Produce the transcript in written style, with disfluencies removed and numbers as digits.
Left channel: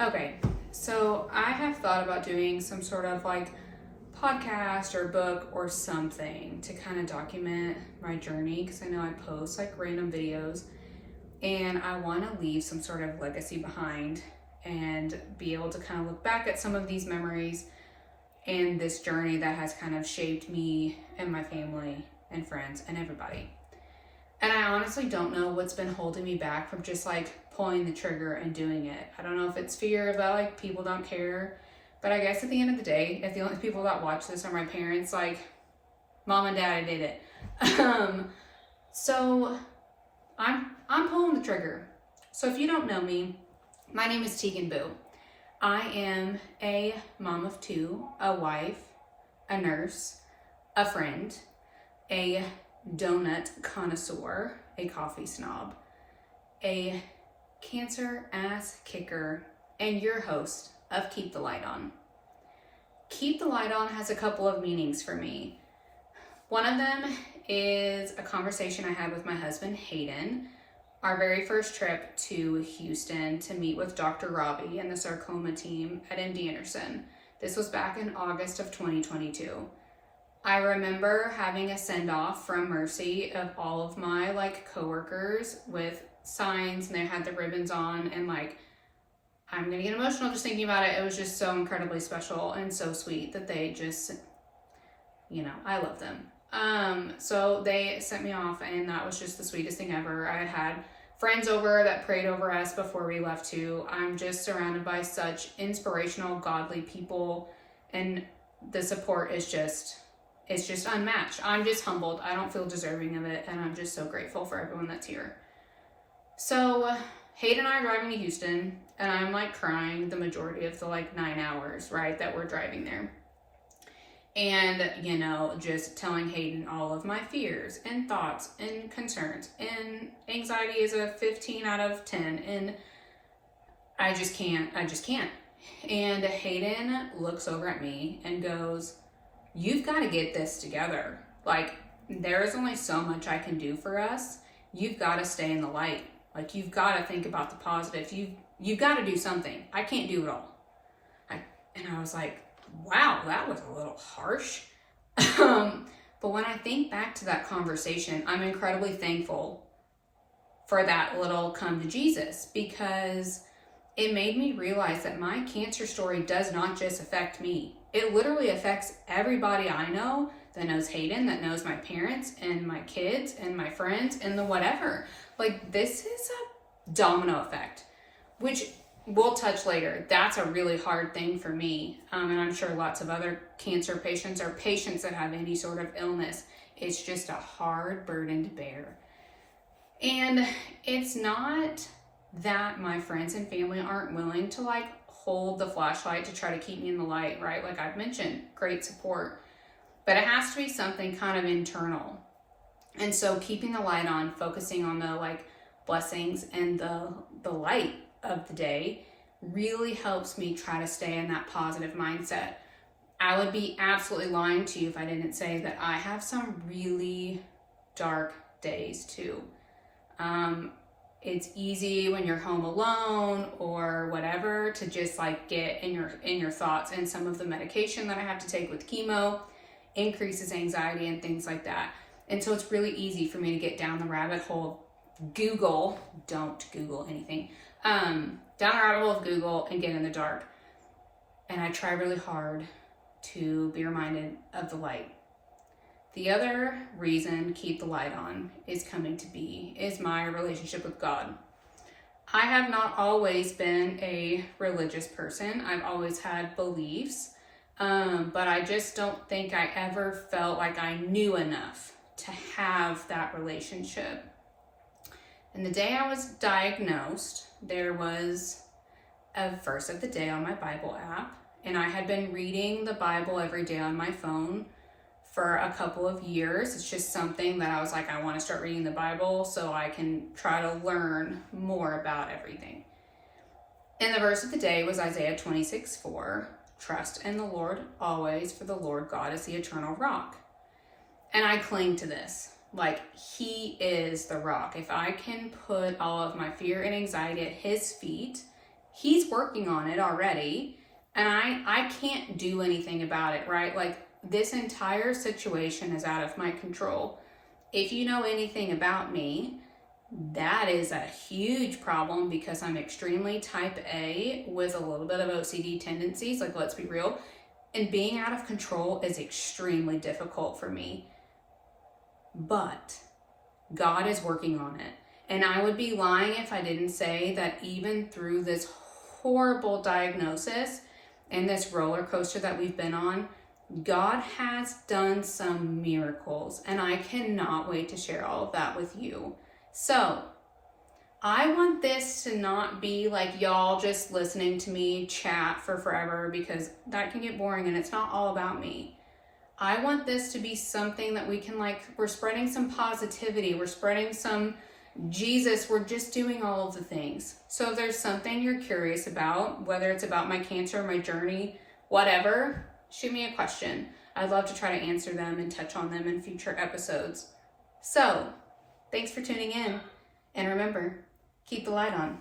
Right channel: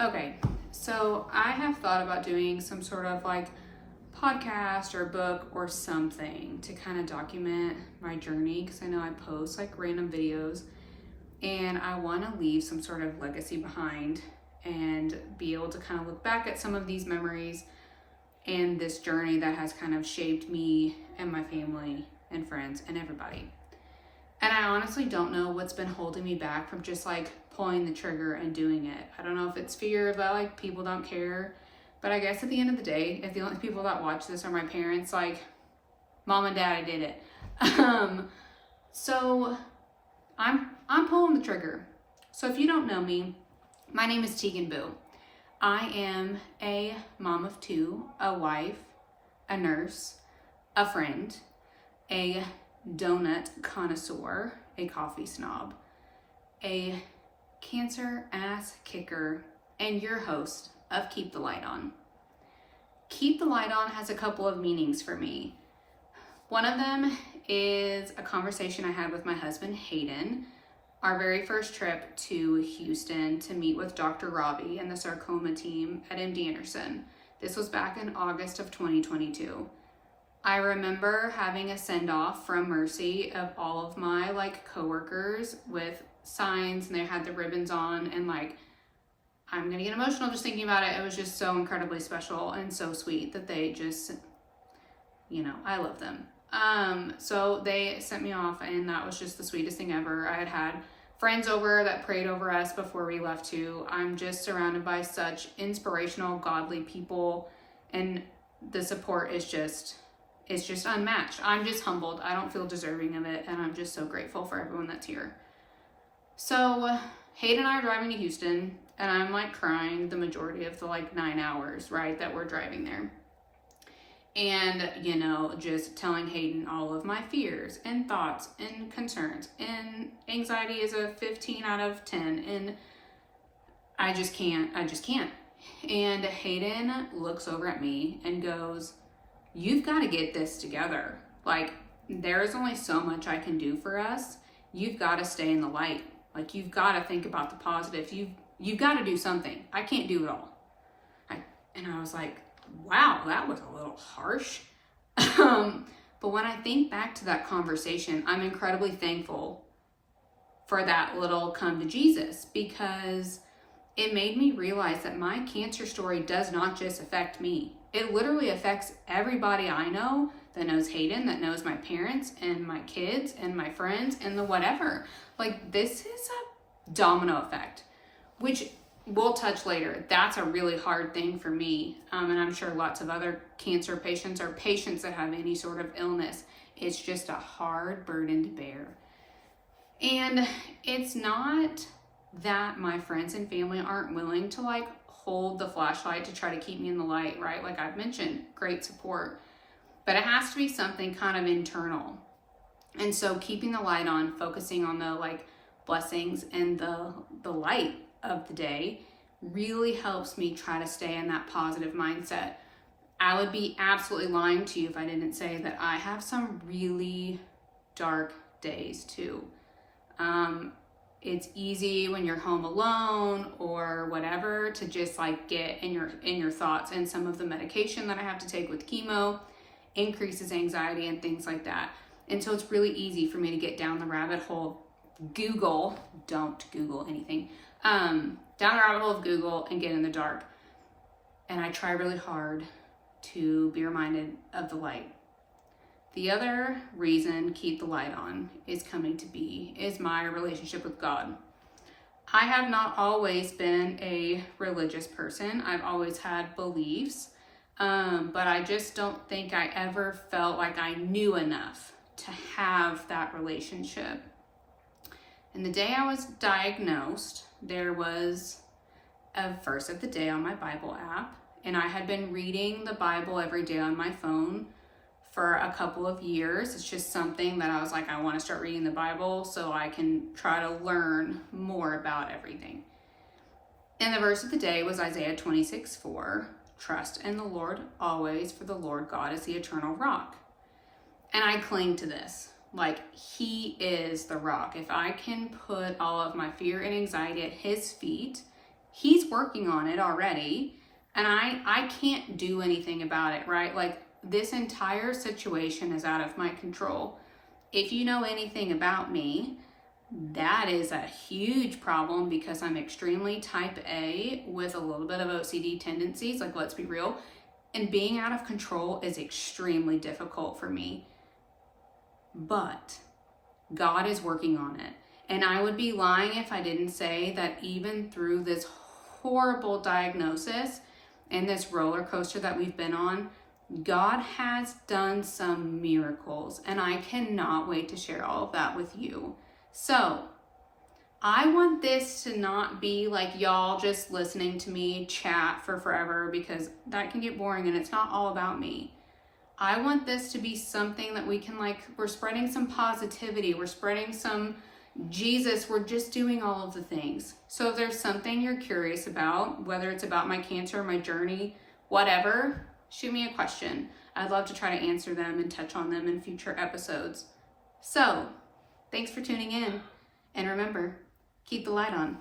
Okay, so I have thought about doing some sort of like podcast or book or something to kind of document my journey because I know I post like random videos and I want to leave some sort of legacy behind and be able to kind of look back at some of these memories and this journey that has kind of shaped me and my family and friends and everybody. And I honestly don't know what's been holding me back from just like pulling the trigger and doing it. I don't know if it's fear that like people don't care, but I guess at the end of the day, if the only people that watch this are my parents, like mom and dad, I did it. So I'm pulling the trigger. So if you don't know me, my name is Tegan Boo. I am a mom of two, a wife, a nurse, a friend, a donut connoisseur, a coffee snob, a cancer ass kicker, and your host of Keep the Light On. Keep the Light On has a couple of meanings for me. One of them is a conversation I had with my husband, Hayden, our very first trip to Houston to meet with Dr. Robbie and the sarcoma team at MD Anderson. This was back in August of 2022. I remember having a send-off from Mercy of all of my like coworkers with signs, and they had the ribbons on, and like, I'm gonna get emotional just thinking about it. It was just so incredibly special and so sweet that they just, I love them. So they sent me off, and that was just the sweetest thing ever. I had friends over that prayed over us before we left too. I'm just surrounded by such inspirational, godly people, and the support is just, it's just unmatched. I'm just humbled. I don't feel deserving of it, and I'm just so grateful for everyone that's here. So Hayden and I are driving to Houston, and I'm like crying the majority of the like 9 hours, right, that we're driving there. And, just telling Hayden all of my fears and thoughts and concerns, and anxiety is a 15 out of 10, and I just can't. And Hayden looks over at me and goes, "You've got to get this together. Like, there's only so much I can do for us. You've got to stay in the light. Like, you've got to think about the positive. You've got to do something. I can't do it all." And I was like, wow, that was a little harsh. But when I think back to that conversation, I'm incredibly thankful for that little come to Jesus, because it made me realize that my cancer story does not just affect me. It literally affects everybody I know that knows Hayden, that knows my parents and my kids and my friends and the whatever. Like, this is a domino effect, which we'll touch later. That's a really hard thing for me. And I'm sure lots of other cancer patients or patients that have any sort of illness. It's just a hard burden to bear. And it's not that my friends and family aren't willing to like hold the flashlight to try to keep me in the light, right? Like I've mentioned, great support, but it has to be something kind of internal. And so keeping the light on, focusing on the like blessings and the light of the day really helps me try to stay in that positive mindset. I would be absolutely lying to you if I didn't say that I have some really dark days too. It's easy when you're home alone or whatever to just like get in your thoughts, and some of the medication that I have to take with chemo increases anxiety and things like that. And so it's really easy for me to get down the rabbit hole of Google. Don't Google anything. Down the rabbit hole of Google and get in the dark. And I try really hard to be reminded of the light. The other reason Keep the Light On is coming to be is my relationship with God. I have not always been a religious person. I've always had beliefs, but I just don't think I ever felt like I knew enough to have that relationship. And the day I was diagnosed, there was a verse of the day on my Bible app, and I had been reading the Bible every day on my phone for a couple of years. It's just something that I was like, I want to start reading the Bible so I can try to learn more about everything. And the verse of the day was Isaiah 26:4, "Trust in the Lord always, for the Lord God is the eternal rock." And I cling to this. Like, he is the rock. If I can put all of my fear and anxiety at his feet, He's working on it already, and I can't do anything about it, right? Like, this entire situation is out of my control. If you know anything about me, that is a huge problem because I'm extremely type A with a little bit of OCD tendencies. Like, let's be real. And being out of control is extremely difficult for me. But God is working on it. And I would be lying if I didn't say that even through this horrible diagnosis and this roller coaster that we've been on, God has done some miracles, and I cannot wait to share all of that with you. So I want this to not be like y'all just listening to me chat for forever, because that can get boring and it's not all about me. I want this to be something that we can, like, we're spreading some positivity, we're spreading some Jesus, we're just doing all of the things. So if there's something you're curious about, whether it's about my cancer, my journey, whatever, shoot me a question. I'd love to try to answer them and touch on them in future episodes. So, thanks for tuning in. And remember, keep the light on.